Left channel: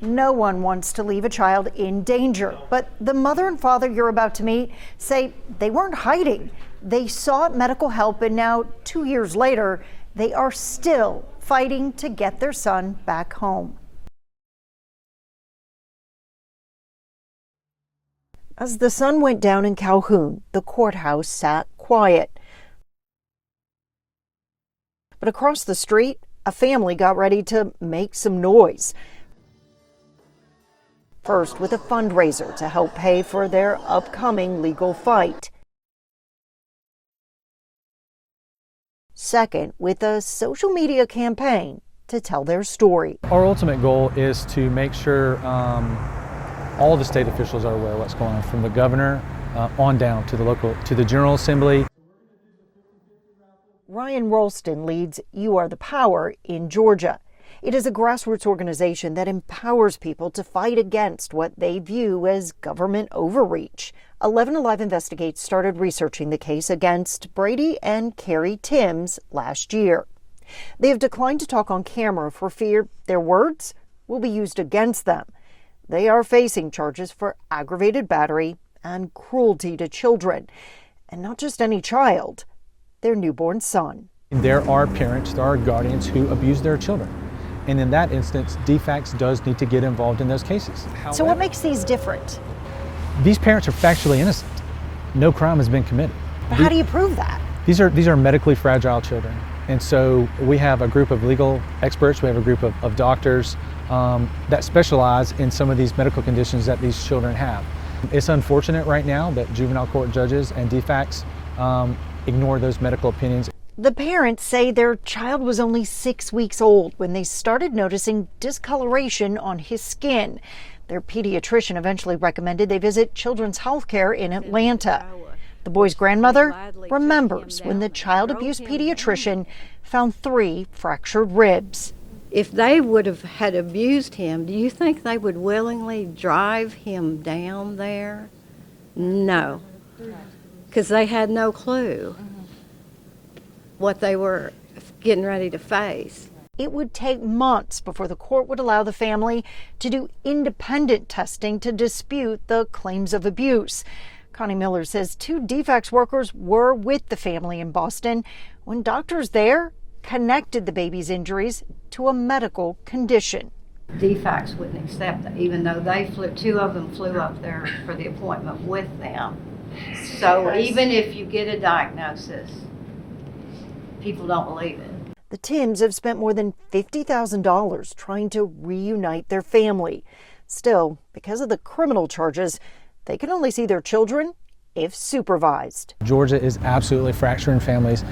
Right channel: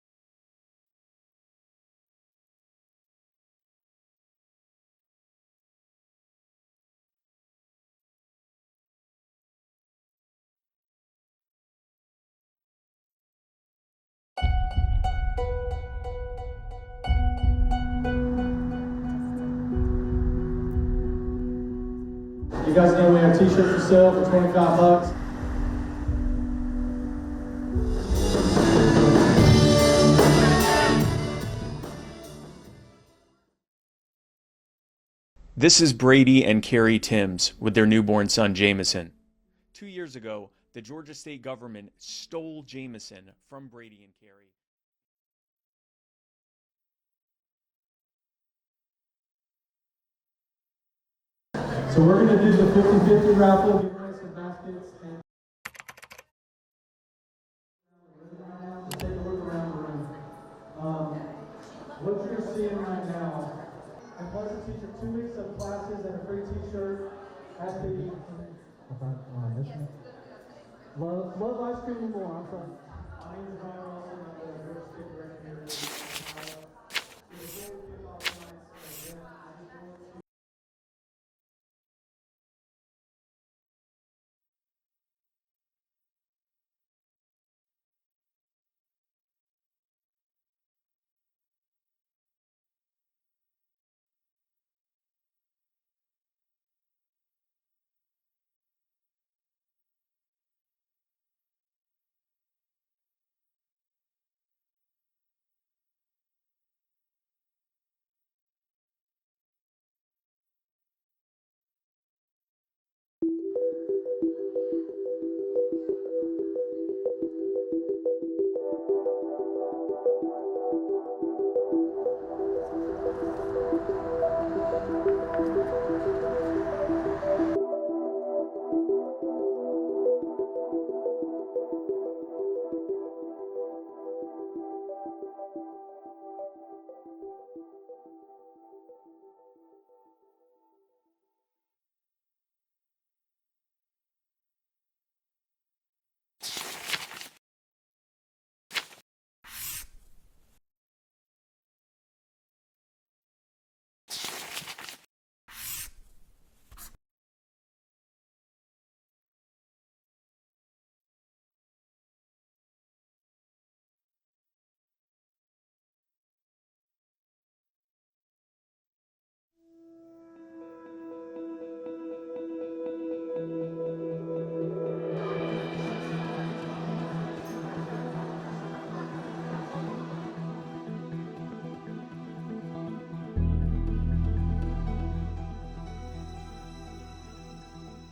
No one wants to leave a child in danger, but the mother and father you're about to meet say they weren't hiding. They sought medical help, and now 2 years later, they are still fighting to get their son back home. As the sun went down in Calhoun, the courthouse sat quiet. You guys know we have t-shirts for sale for 25 bucks. But across the street, a family got ready to make some noise. First, with a fundraiser to help pay for their upcoming legal fight. This is Brady and Carrie Timms with their newborn son, Jameson. Second, with a social media campaign to tell their story. Our ultimate goal is to make sure all the state officials are aware of what's going on, from the governor on down to the General Assembly. So we're going to do the 50-50 raffle. Ryan Rolston leads You Are the Power in Georgia. It is a grassroots organization that empowers people to fight against what they view as government overreach. 11 Alive Investigates started researching the case against Brady and Carrie Timms last year. They have declined to talk on camera for fear their words will be used against them. They are facing charges for aggravated battery and cruelty to children, and not just any child, their newborn son. There are parents, there are guardians who abuse their children. And in that instance, DFACS does need to get involved in those cases. So what makes these different? These parents are factually innocent. No crime has been committed. But how do you prove that? These are medically fragile children. And so we have a group of legal experts, we have a group of doctors that specialize in some of these medical conditions that these children have. It's unfortunate right now that juvenile court judges and DFACS ignore those medical opinions. The parents say their child was only 6 weeks old when they started noticing discoloration on his skin. Their pediatrician eventually recommended they visit Children's Healthcare in Atlanta. The boy's grandmother remembers when the child abuse pediatrician found 3 fractured ribs. If they would have had abused him, do you think they would willingly drive him down there? No, because they had no clue what they were getting ready to face. It would take months before the court would allow the family to do independent testing to dispute the claims of abuse. Connie Miller says 2 DFACS workers were with the family in Boston when doctors there connected the baby's injuries to a medical condition. DFACS wouldn't accept it, even though they 2 of them flew up there for the appointment with them. So even if you get a diagnosis, people don't believe it. The Timms have spent more than $50,000 trying to reunite their family. Still, because of the criminal charges, they can only see their children if supervised. Georgia is absolutely fracturing families.